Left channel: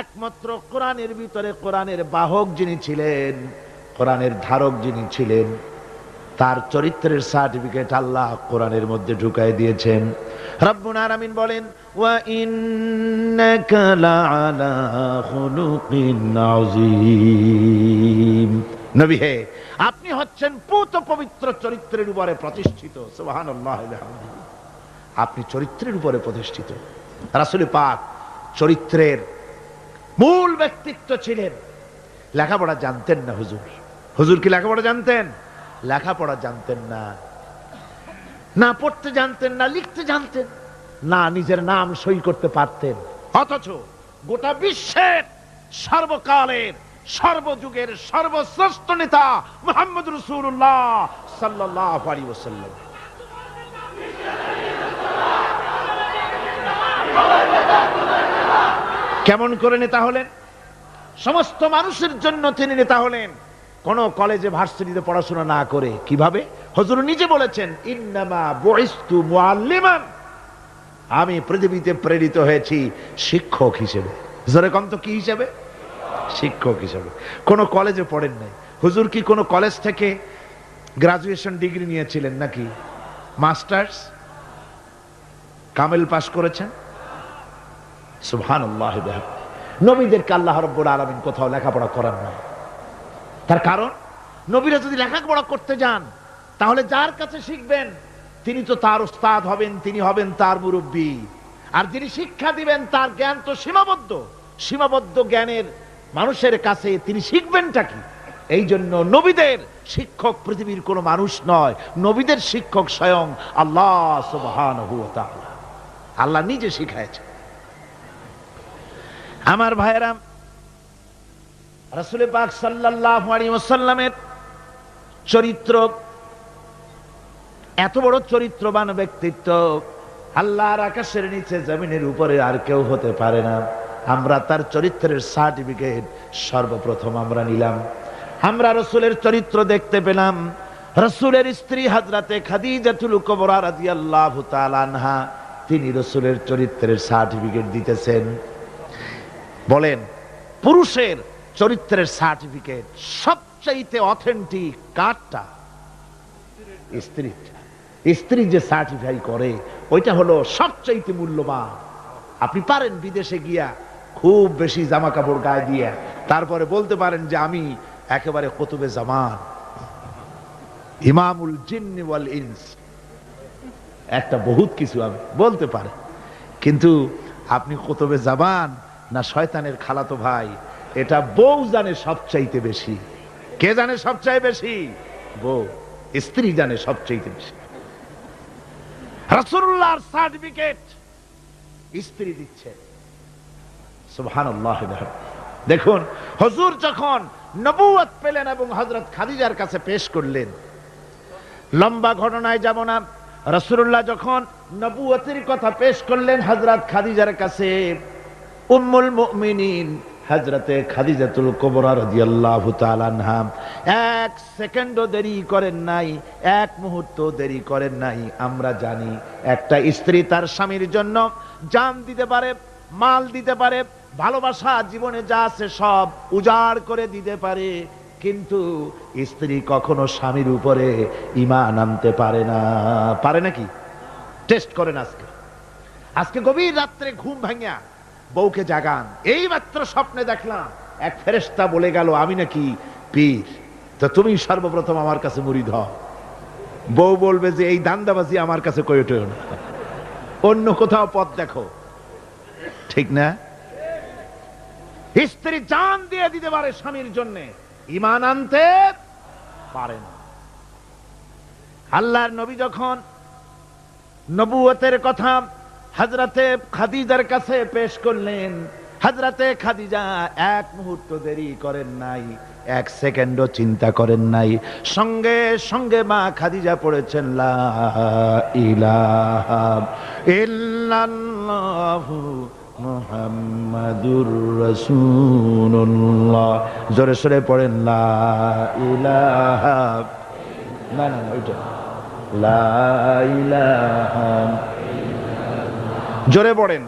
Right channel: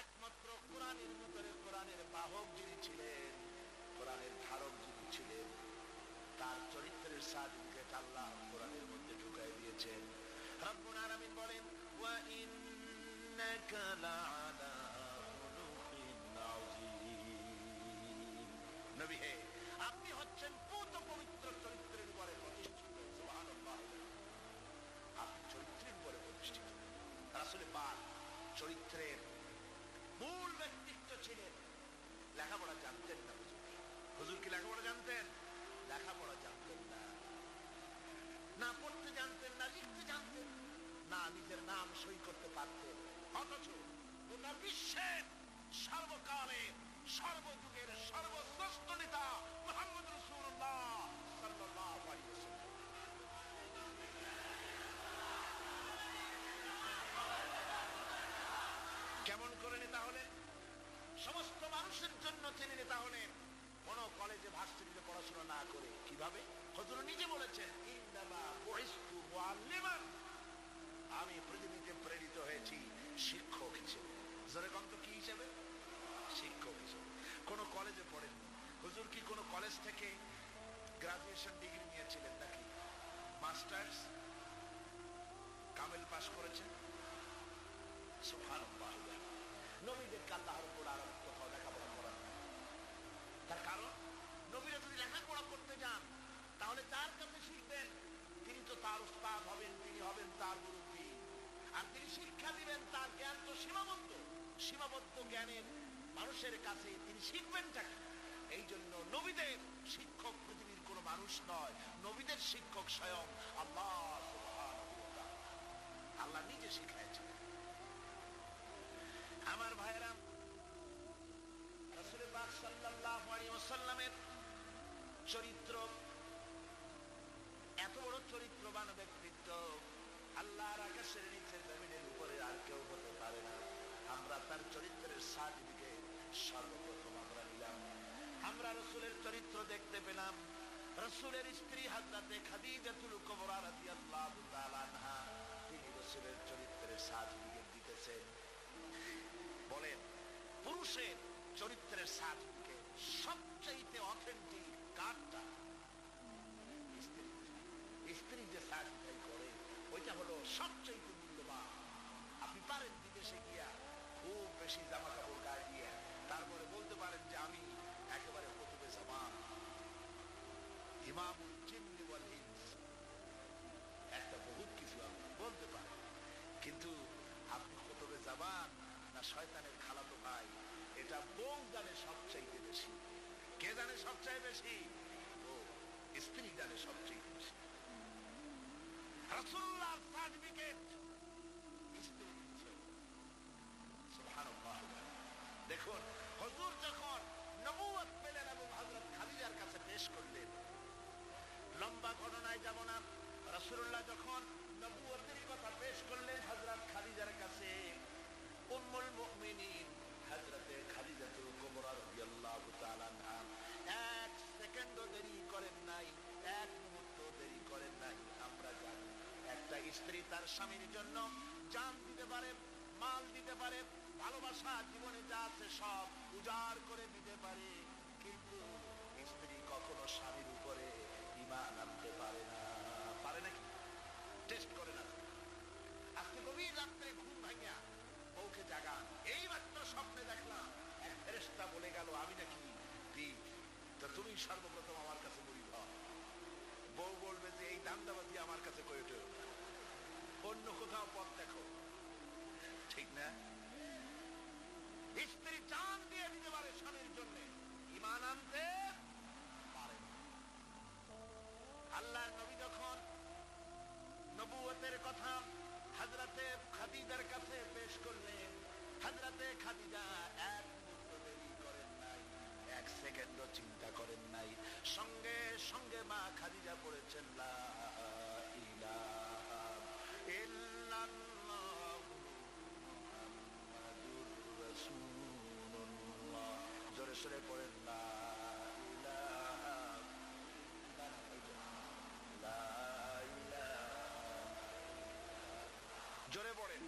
একমাত্র কোরআনের ভিতরে কোরআনের বাহক যিনি ছিলেন, কোরআনের ধারক যিনি ছিলেন, তার চরিত্রের সার্টিফিকেট আল্লাহ কোরআনের মধ্যে ঢুকাই দিয়েছেন। রব্বুল আলামিন বলেন, ওয়া ইন্নাকা লাআলা খুলুকিন আযীম। নবী হে, আপনি হচ্ছেন পুত পবিত্র চরিত্রের উপরে প্রতিষ্ঠিত। সুবহানাল্লাহ। আপনি চরিত্রের উপরে প্রতিষ্ঠিত। রাসূল পাক চরিত্রের মূল ব্যক্তিত্ব ছিলেন। লেখাপড়া জানতেন না হুজুর। হুজুর কি লেখাপড়া জানতেন? লেখাপড়া জানতেন না। না পড়তে জানতেন, না লিখতে জানতেন, না নিজের নাম সই করতে পারতেন। অথচ গোটা বিশ্বের সর্বকালের, সর্বযুগের সর্বশ্রেষ্ঠ নেতা মোহাম্মদ রসুল্লাহ সাল্লাহ আলী ওসাল্লাম কেমন করে নেতা হলেন? সমস্ত মানুষের জন্য তিনি নেতা হলেন। কোন কলেজে ভার্সিটিতে পড়াশোনা না করে কীভাবে? হজুর নিজে বলেছেন, ইন্নামা বুইস্তু আমি পৃথিবীতে প্রেরিত হয়েছি শিক্ষক হিসেবে। জোরে কম তো, কি হিসেবে? শিক্ষক হিসেবে। কোন কলেজে পড়েন নাই। হুজুর কি কোন কলেজ থেকে গ্রাজুয়েশন ডিগ্রি নিয়েছিলেন নাকি? মাস্টার্স? কামেল পাশ করেছেন? সুবহানাল্লাহ বিহামদিহি। নবীদেরকে আল্লাহ রব্বুল আলামিন কোথাও লেখাপড়া করান না তার কারণ, নবীরা যদি লেখাপড়া করতে যান, তাহলে যার কাছে শিখবেন, তিনি তো তার উস্তাদ হবেন, তিনি হবেন তার মুরব্বী। আর যিনি শিক্ষা দিবেন, তার জ্ঞান তো সীমাবদ্ধ। সীমাবদ্ধ জ্ঞানের মানুষের কাছে তিনি শিখবেনটা কি? এই জন্য নবীদের শিক্ষক পৃথিবীর কোনো মানুষ নয়। নবীদের শিক্ষক স্বয়ং আল্লাহ আল্লাহ নিজে শিখাইছেন। আমার ভাইয়েরাম রাসুল পাক সাল্লাল্লাহু আলাইহি ওয়াসাল্লামের চরিত্র, এত বড় চরিত্রবান ব্যক্তিত্ব, আল্লাহর আকাশের নিচে জমিনের উপরে আর কেউ হতে পারে না। আমরা তার চরিত্রের সার্টিফিকেট সর্বপ্রথম আমরা নিলাম। আমরা রসুলের চরিত্র দেখতে পেলাম। রসুলের স্ত্রী হাজরাতে খাদিজাতুল কুবরা রাদিয়াল্লাহু তাআলা আনহা, তিনি রসুলের চরিত্রের সার্টিফিকেট দিতেছেন। বলেন পুরুষের চরিত্রের সার্টিফিকেট সবচাইতে অথেন্টিক কারটা? স্ত্রী স্ত্রী যে সার্টিফাই করে ওইটা হলো সবচাইতে মূল্যবান। আপনি পারেন বিদেশে গিয়া খুব বেশি জামা কাপড় গায়ে দিয়ে তারপরে বলতে পারেন যে আমি একেবারে কতুবে জামান। ইমামুল জিন্নি ওয়াল ইনস। একটা বহুত কিছু আমি বলতে পারেন। কিন্তু আপনি কতবে জাবান না শয়তানের খালাতো ভাই, এটা বউ জানে সবচাইতে বেশি। কে জানে সবচাই বেশি? বউ। স্ত্রী জানে সবচাইতে বেশি। সার্টিফিকেট স্ত্রী দিচ্ছে। দেখুন, হুজুর যখন নবুয়ত পেলেন এবং হযরত খাদিজার কাছে পেশ করলেন, লম্বা ঘটনায় যাব না। রসুল্লাহ যখন নবুয়তের কথা পেশ করলেন হজরত খাদিজার কাছে উম্মুল মুমিনিন হজরতে খাদিজাতুল এক সেকেন্ডও দেরি করেন নাই, এক মুহূর্ত দেরি করেন নাই। আমরা জানি একটা স্ত্রী তার স্বামীর জন্য জান দিতে পারে, মাল দিতে পারে, ভালোবাসা, জীবনে যা আছে সব উজাড় করে দিতে পারে। কিন্তু স্ত্রী কখনো স্বামীর উপরে ইমান আনতে পারে না। পারে নাকি? টেস্ট করেন আজকে। আজকে গভীর রাত্রে ঘুম ভাঙিয়া বউকে জাগান। এই মাত্র স্বপ্নে দেখলাম, এক ফেরেস্তা বলে গেল, আমি নাকি পীর। তো তুমি সর্বপ্রথম আমার কাছে মুড়ি ধর বউ বলবে যে, এই দান্দাবাজি আমার কাছে কয়টো না। অন্য কোথাও পথ দেখো। ঠিক না? স্ত্রী জান দিয়ে দিতে পারে স্বামীর জন্য। ইমান আনতে পারে না। আল্লাহর নবী যখন নবুয়তের কথা হাজরাতে খাদিজার কাছে পেশ করলেন। হাজরাতে খাদিজা এক মুহূর্ত দেরি করেন নাই, এক সেকেন্ডও চিন্তা করেন নাই। সঙ্গে সঙ্গে মা খাদিজা পড়েছেন, লা মুহাম্মাদুর রাসূলুল্লাহ। জোরে সরে পড়েন, লা না না ওইটা, লা জোরে পড়েন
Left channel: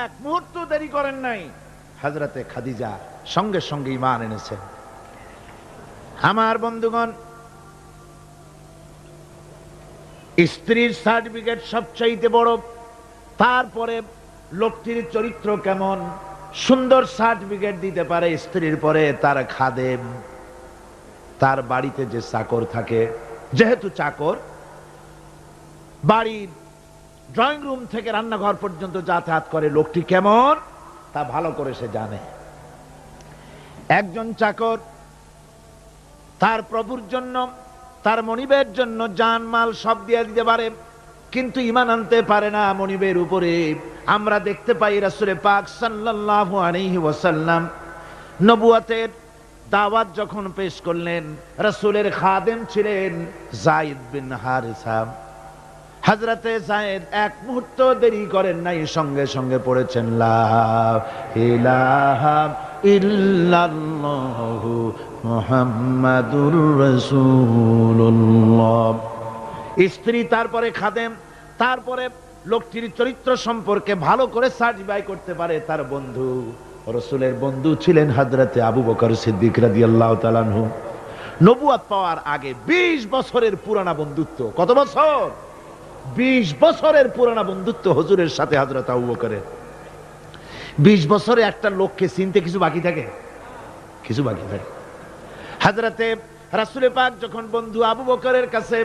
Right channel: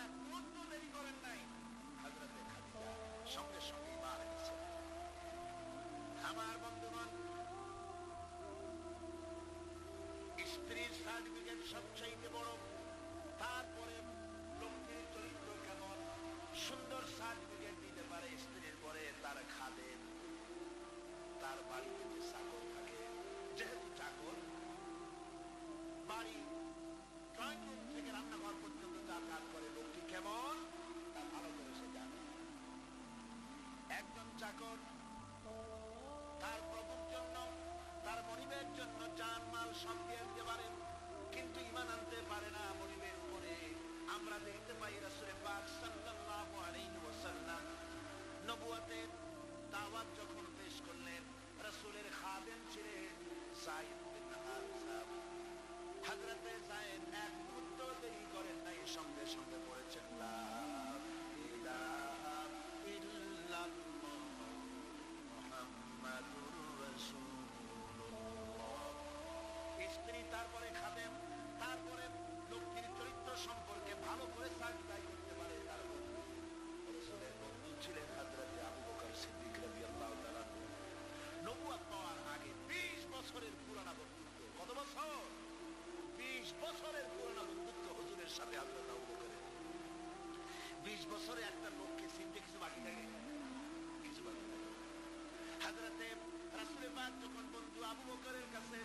এক মুহূর্ত দেরি করেন নাই, হাজরাতে খাদিজা সঙ্গে সঙ্গে ইমান এনেছেন। আমার বন্ধুগণ, স্ত্রীর সার্টিফিকেট সবচাইতে বড়, তারপরে লোকটির চরিত্র কেমন? সুন্দর সার্টিফিকেট দিতে পারে স্ত্রীর পরে তার খাদেম, তার বাড়িতে যে চাকর থাকে, যেহেতু চাকর, বাড়ির ড্রয়িং রুম থেকে রান্নাঘর পর্যন্ত যাতায়াত করে লোকটি কেমন? তা ভালো করে সে জানে। একজন চাকর তার প্রভুর জন্য, তার মনিবের জন্য জান মাল সব দিয়ে দিতে পারে। কিন্তু ইমান আনতে পারে না মনিবের উপরে। আমরা দেখতে পাই রাসূলে পাক আলাইহি ওয়াসাল্লাম নবুয়াতের দাওয়াত যখন পেশ করলেন, রাসূলের খাদেম ছিলেন যায়েদ বিন হারিসা। হজরতে জায়েদ এক মুহূর্ত দেরি করেন নাই, সঙ্গে সঙ্গে পড়েছেন ইল্লাল্লাহু মুহাম্মাদুর রাসূলুল্লাহ। স্ত্রী, তারপরে খাদেম, তারপরে লোকটির চরিত্র সম্পর্কে ভালো করে সার্টিফাই করতে পারে তার বন্ধু। রসুলের বন্ধু ছিলেন হজরতে আবু বকর সিদ্দিক রাদিয়াল্লাহু তাআলা আনহু। নবুয়াত পাওয়ার আগে ২০ বছরের পুরানা বন্ধুত্ব। কত বছর? বিশ বছরের পুরানা বন্ধুত্ব হজুরের সাথে হাজরত আবু বকরের। বিশ বছরে একটা লোককে চিনতে কিছু বাকি থাকে? কিছু বাকি থাকে। হাজরাতে রাসুলে পাক যখন বন্ধু আবু বকরের কাছে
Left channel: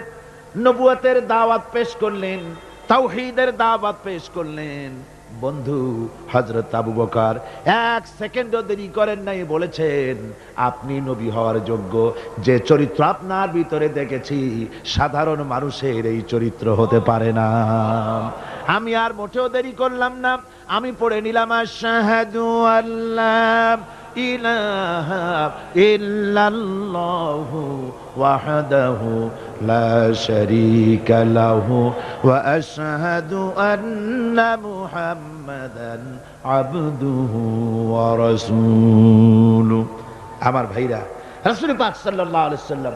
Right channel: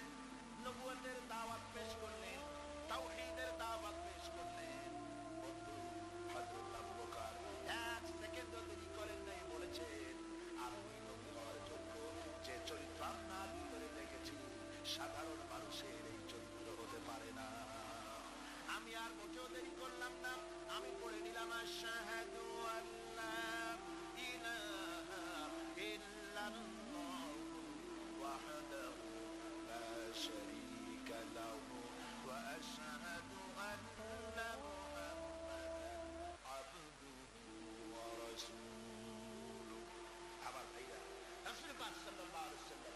নবুয়াতের দাওয়াত পেশ করলেন, তাওহীদের দাওয়াত পেশ করলেন। বন্ধু হজরত আবু বকর এক সেকেন্ডও দেরি করেন নাই, বলেছেন, আপনি নবী হওয়ার যোগ্য। যে চরিত্র আপনার ভিতরে দেখেছি, সাধারণ মানুষের এই চরিত্র হতে পারে না। আমি আর মোটেও দেরি করলাম না। আমি পড়ে নিলাম আল্লাহ। ইলাহা ইল্লাল্লাহু ওয়াহদাহু লা শারীকা লাহু ওয়া আশহাদু আন্না মুহাম্মাদান আবদুহু ওয়া রাসূলুহু আমার ভাইরা, রাসূল পাক সাল্লাল্লাহু আলাইহি সাল্লাম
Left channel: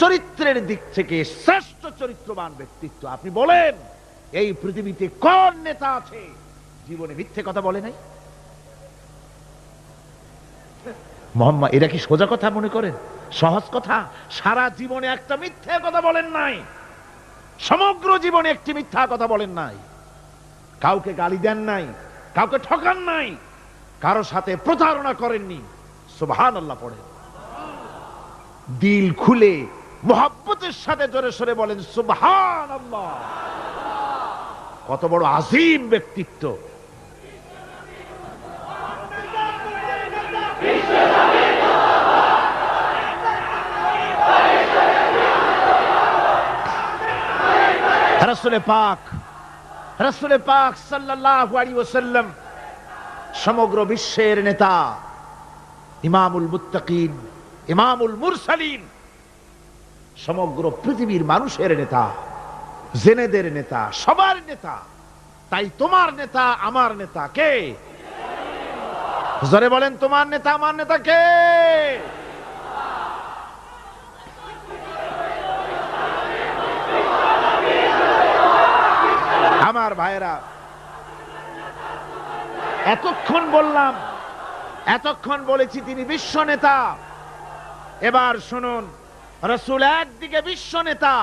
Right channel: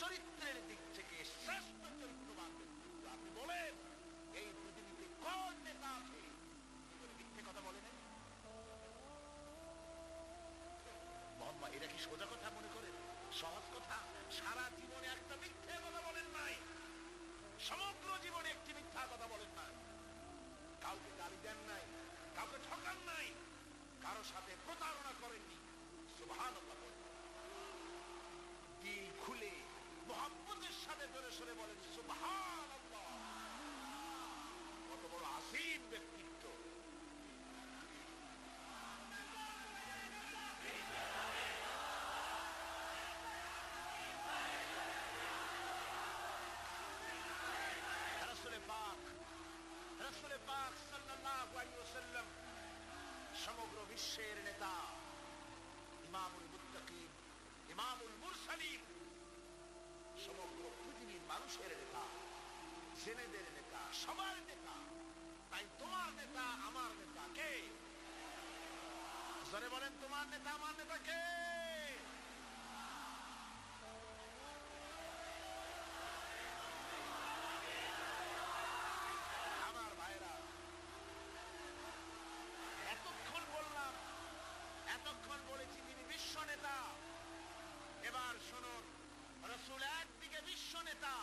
চরিত্রের দিক থেকে শ্রেষ্ঠ চরিত্রবান ব্যক্তিত্ব। আপনি বলেন, এই পৃথিবীতে কোন নেতা আছে? জীবনে মিথ্যে কথা বলে নাই? মোহাম্মদ, এটা কি সোজা কথা মনে করেন? সহজ কথা? সারা জীবনে একটা মিথ্যে কথা বলেন নাই। সমগ্র জীবনে একটি মিথ্যা কথা বলেন নাই। কাউকে গালি দেন নাই, কাউকে ঠকান নাই, কারও সাথে প্রতারণা করেননি। সুবহান আল্লাহ পড়ে। দিল খুলে, মোহাব্বতের সাথে জোরে সরে বলেন সুবহান আল্লাহ কত বড় আজিম ব্যক্তিত্ব। রসুলে পাক রসুলে পাক সাল্লাল্লাহু আলাইহি ওয়াসাল্লাম, সমগ্র বিশ্বের নেতা, ইমামুল মুত্তাকিন, ইমামুল মুরসালিন, সমগ্র পৃথিবীর মানুষের নেতা, জেনেদের নেতা, সবার নেতা, তাই তোমার নেতা আমার নেতা কে? জোরে বলেন, তোমার নেতা, আমার নেতা কে? আমার ভাইরা এতক্ষণ বললাম, এতক্ষণ বলেছি তিনি বিশ্ব নেতা। এবার শুনুন, রসুল একদিকে বিশ্ব নেতা,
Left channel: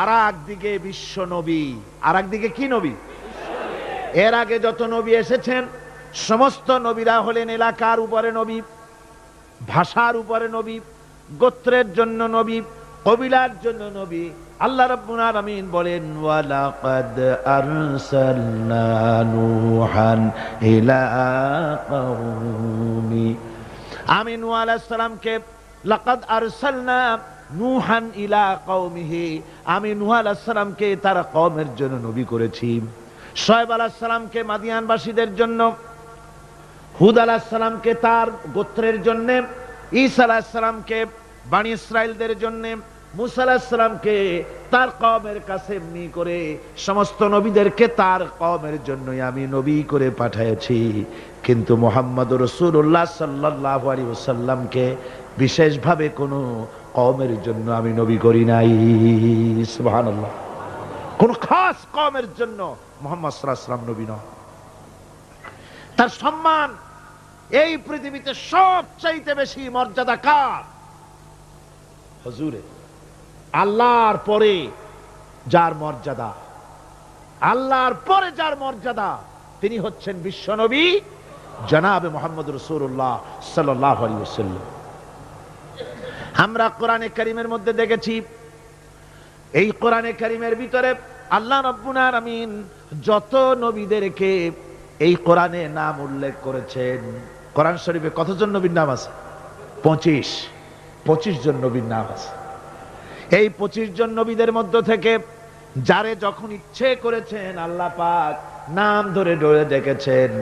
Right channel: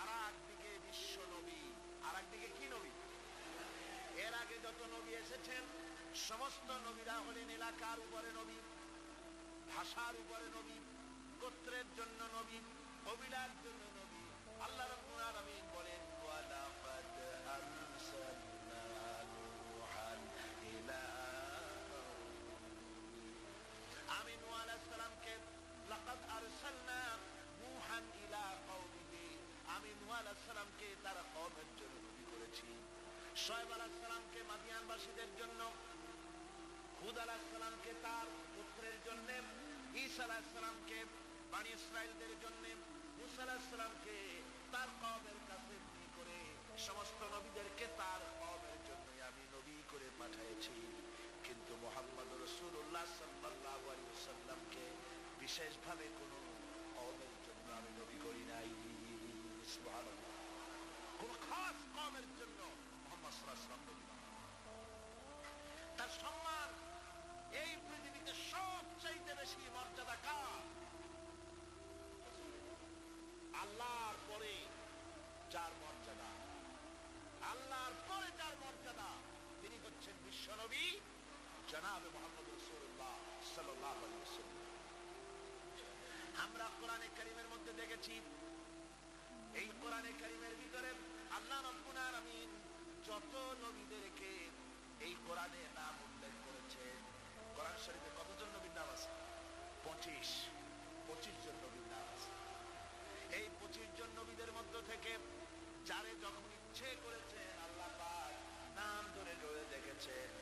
আর একদিকে বিশ্ব নবী। আর একদিকে কি নবী? এর আগে যত নবী এসেছেন, সমস্ত নবীরা হলেন এলাকার উপরে নবী, ভাষার উপরে নবী, গোত্রের জন্য নবী, কবিলার জন্য নবী আল্লাহ রাব্বুল আলামিন বলেন, ওয়ালাকাদ আরসালনা নূহান ইলা কওমি। আমি নূহ আলাইহিস সালামকে, লাকাদ আরসালনা নূহান ইলা কওমিহি। আমি নূহ আলাইহিস সালামকে তার কওমের জন্য নবী করেছি। শোয়েব আলাইহিস সালামকে মাদিয়ানবাসীদের জন্য, হুদ আলাহ সালামকে তার গোত্রের জন্য, ঈসা আলাহ সালামকে বাণী ইসরায়েলদের জন্য মুসা আলাহ সালামকে তার কমের কাছে এমনি করে সমস্ত নবীদেরকে তার কমের জন্যই আমি নবী করে পাঠিয়েছি কিন্তু মোহাম্মদ রসুল্লাহ সাল্লাহ আলী বিশেষভাবে কোনো কমের জন্য আমি নবী করি নাই। সুবহানাল্লাহ। কোন খাস কমের জন্য মোহাম্মদ সাল্লাহ সাল্লাম নবী নয়। তার সম্মান এই পৃথিবীতে সবচাইতে বেশি মর্যাদা কার? হজুরে। আল্লাহর পরে যার মর্যাদা। আল্লাহর পরে যার মর্যাদা, তিনি হচ্ছেন বিশ্বনবী জনাবে মোহাম্মদ রসুল্লাহ সাল্লাহ আমরা কোরআনে করিমের মধ্যে দেখেছি, এই কোরআনে করিমের ভিতরে আল্লাহ রব্বুল আমিন যত নবীদেরকে এই কোরআনে নাম উল্লেখ করেছেন, কোরআন শরীফে কতজন নবীর নাম আছে? পঁচিশ। পঁচিশ জন নবীর নাম আছে। এই পঁচিশ জন নবীদের মধ্য থেকে যারে যখন ইচ্ছে করেছেন আল্লাহ পাক নাম ধরে ধরে ডেকেছেন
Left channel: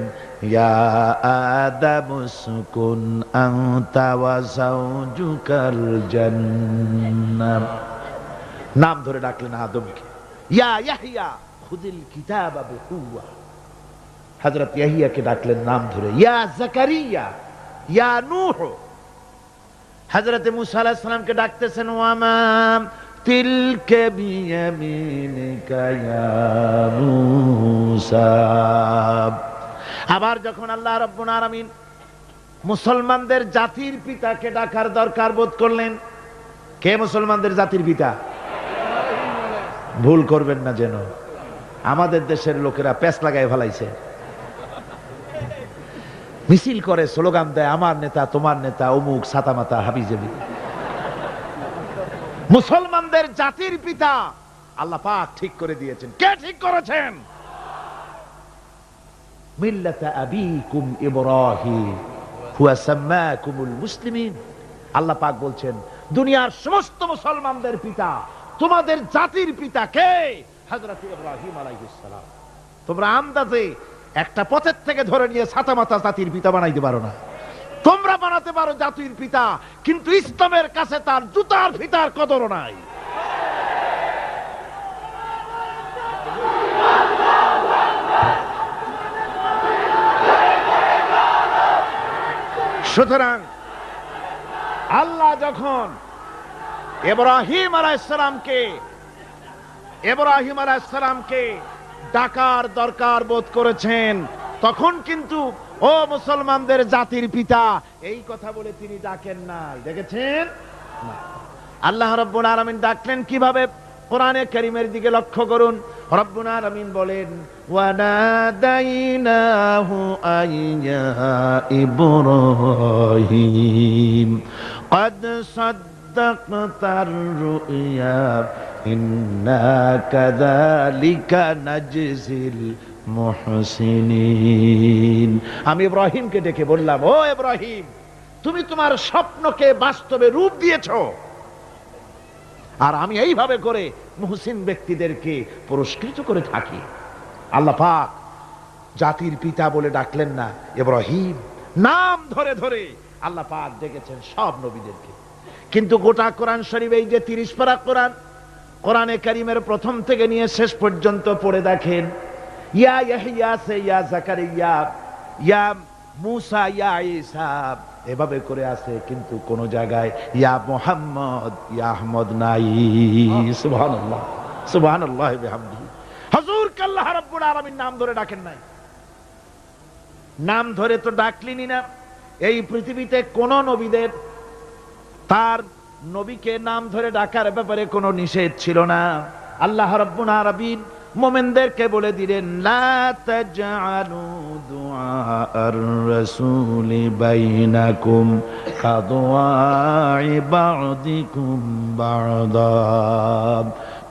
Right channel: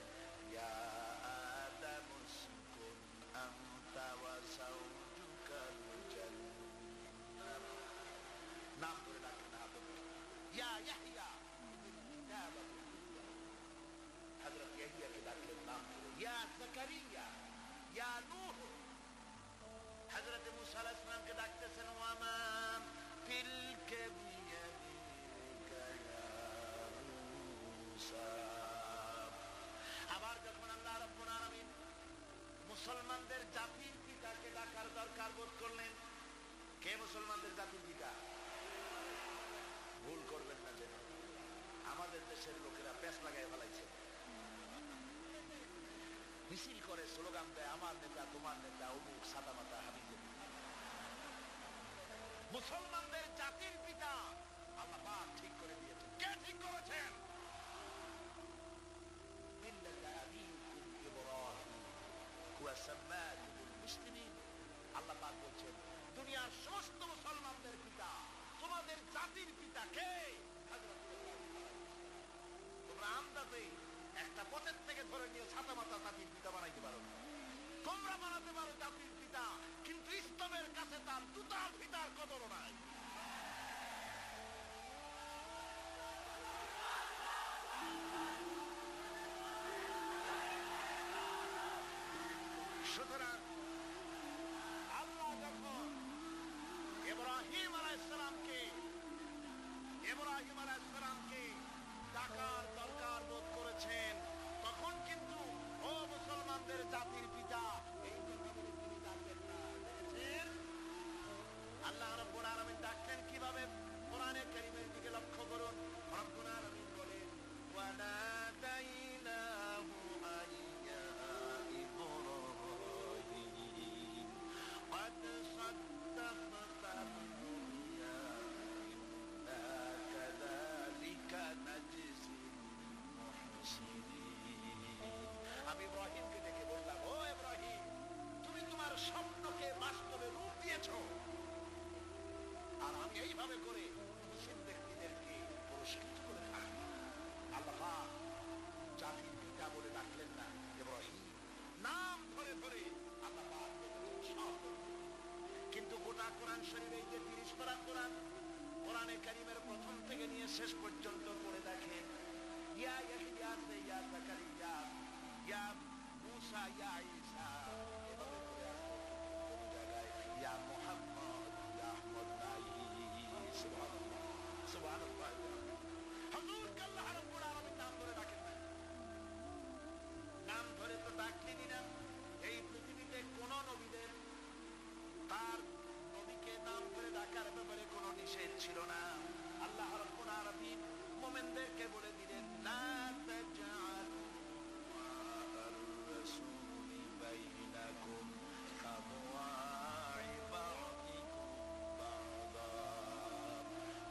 নাম ধরে ডাকলেন আদমকে, ইয়া ইয়াহিয়াকে ডাকলেন নাম ধরে, ইয়া জাকারিয়া, ইয়া নূহ। হযরত মুসা আলাইহিস সালামকে ডাকতেছেন তিলকে আবার যখন আল্লাহ রাব্বুল আলামিন মুসলমানদের জাতির পিতাকে ডাকার দরকার বোধ করলেন, কে মুসলমানদের জাতির পিতা? ভুল করবেন না যেন। আমাদের দেশের লোকেরা প্যাস লাগায় ফেলাইছে। মিছিল করে স্লোগান দেয়, আমার নেতা, তোমার নেতা, অমুক সাতামাতা হাবিজেবি। মুসলমানদের জাতির পিতা আল্লাহ পাক ঠিক করে দিয়েছেন। কে ঠিক করেছেন? আল্লাহ পাক বলছেন, দুনিয়ার সমস্ত মুসলমানদের পিতা, তোমাদের জাতির পিতা কে? হযরত ইব্রাহিম আলাইহিস সালাম। তোমরা আন্দাজে একটা পথের থেকে ধরে নিয়ে ছাতামাতা জাতির পিতা বানাইতে পারো না। তোমরা বানাতে পারো জাতির পিতা, কিন্তু ইসলামের কাছে তার জুতার ফিতার কদর নাই। সুতরাং আল্লাহ যখন এব্রাহিম আলাইসালামকে এব্রাহিম আলাইসালামকে ডাকার দরকার বোধ করেছেন। তখন কিন্তু, ও মুসলমানদের জাতির পিতা, এই কথা বলে তিনি ডাকেন নাই। দেখেছেন? আল্লাহ রব্বুল আলামিন ডাকলেন কীভাবে? কোরআনে কারীমের দিকে লক্ষ্য করুন। রব্বুল আলামিন বলেন, ওয়ানাদাইনাহু আইয়া ইব্রাহিম قد صدقت الرؤيا إنا كذلك نجزي المحسنين আমি ইব্রাহিমকে ডেকে বললাম ও ইব্রাহিম তুমি তোমার স্বপ্নকে বাস্তবে রূপ দিয়েছো আর আমি এইভাবে করে মুহসিন ব্যক্তিদেরকে পুরস্কৃত করে থাকি আল্লাহ পাক জাতির পিতা বলে ডাকলেন না ইব্রাহিম নাম ধরে ধরে আল্লাহ পাক ডেকেছেন সব নবীদেরকে কিন্তু গোটা কোরআন শরীফ এই যে তিরিশ পারা কোরআন কোরআনে কারিমের প্রথম থেকে নিয়ে শেষ পর্যন্ত পড়ে দেখেন। ইয়া ইয়াহিয়া সে ইয়া জাকারিয়া ইয়া মুসা ইয়া ঈসা এভাবে করে আছে কিন্তু কোন জায়গায় ইয়া মোহাম্মদ ইয়া আহমদ নাই। সুবহানাল্লাহ। সুবহানাল্লাহ বিহামদিহি হুজুর রাব্বুল আলামিন নাম ধরে ডাকেন নাই? নাম ধরে তো ডাকলিনি না। এই পৃথিবীতে কোন নবীদের তার নবীকে নাম ধরে ডাকার ব্যাপারে কোনো নিষেধ ছিল না। আল্লাহ রাব্বুল আলামিন মোমেনদেরকে বলে দিলেন, লা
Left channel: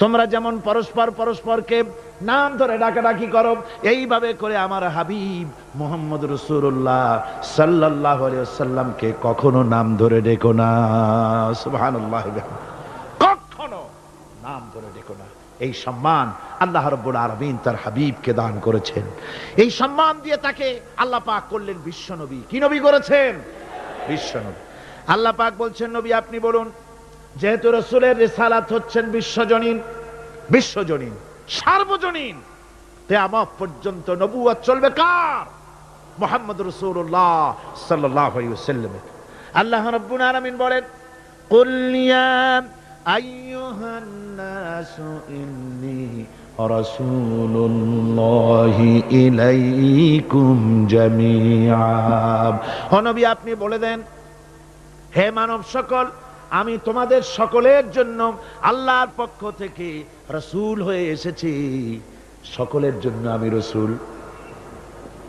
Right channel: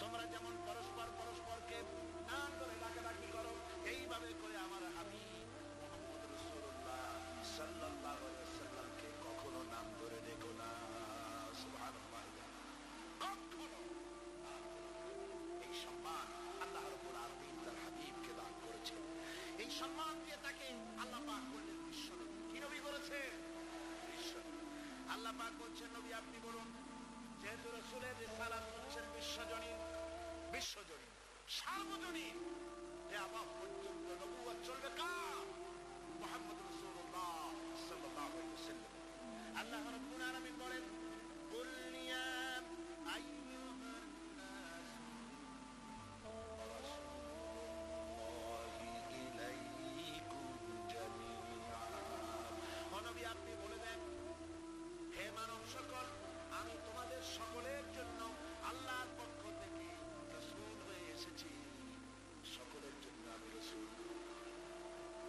তোমরা যেমন পরস্পর পরস্পরকে নাম ধরে ডাকাডাকি করো, এইভাবে করে আমার হাবিব মোহাম্মদ রসুল্লাহ সাল্লাহ সাল্লামকে কখনো নাম ধরে ডেকো না। সুবহানাল্লাহ কখনো নাম ধরে ডেকো না। এই সম্মান আল্লাহ রব্বুল আরবিন তার হাবিবকে দান করেছেন। এই সম্মান দিয়ে তাকে আল্লাহ পাক করলেন বিশ্বনবী কি নবী করেছেন? বিশ্বনবী আল্লাহ পাক বলছেন, নবী, আপনি বলুন যেহেতু রসুলের রেসালাত হচ্ছেন বিশ্বজনীন বিশ্বজনীন, সার্বজনীন তেয়ামত পর্যন্ত নবুয়া চলবে কার? মোহাম্মদ রসুল্লাহ সাল্লামে আল্লাহ রব্বুল আলমিন বলেন কল্যাণ আপনি বলে দেন, হে মানব সকল আমি তোমাদের সকলের জন্য আল্লাহর পক্ষ থেকে রসুল হয়ে এসেছি। সকলের জন্য আমি রসুল।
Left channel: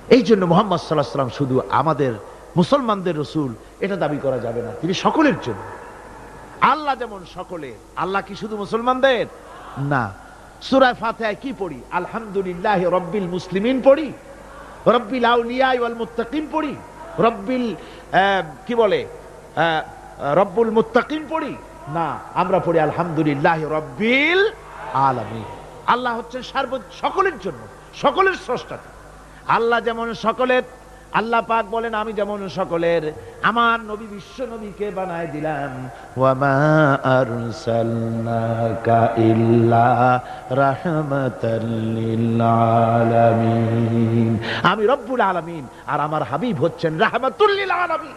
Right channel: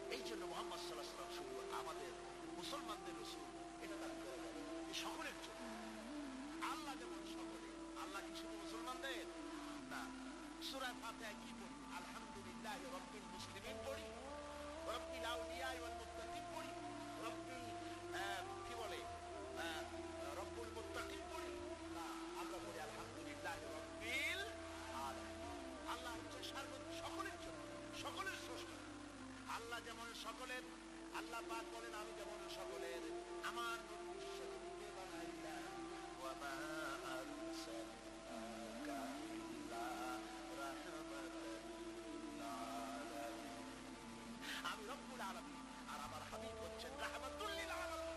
এই জন্য মোহাম্মদ সাল্লাহ সাল্লাম শুধু আমাদের মুসলমানদের রসুল, এটা দাবি করা যাবে না। তিনি সকলের জন্য। আল্লাহ যেমন সকলের, আল্লাহ কি শুধু মুসলমানদের? না। সুরায় ফাতেহায় কি পড়ি? আলহামদুলিল্লাহ রব্বিল মুসলিমিন পড়ি। রব্বিল আউলিয়া ওয়াল মুত্তাকিন পড়ি। রব্বিল কি বলে? রব্বুল মুত্তাকিন পড়ি? না, আমরা পড়ি আলহামদুলিল্লাহ রব্বিল আলামিন। আল্লাহ হচ্ছেন সার্ব সকলের জন্য, সকলের স্রষ্টা। আল্লাহ যেমন সকলের, আল্লাহ পাক বলেন, আমি যেমন সকলের। আমার নবী বিশ্ব নবীকে বানায় দিলাম। ওয়ামা আরসালনাকা ইল্লা রাহমাতাল আমি রব্বুল আলামিন, আর আমার হাবিব হচ্ছেন রাহমাতুল লিল আলামিন।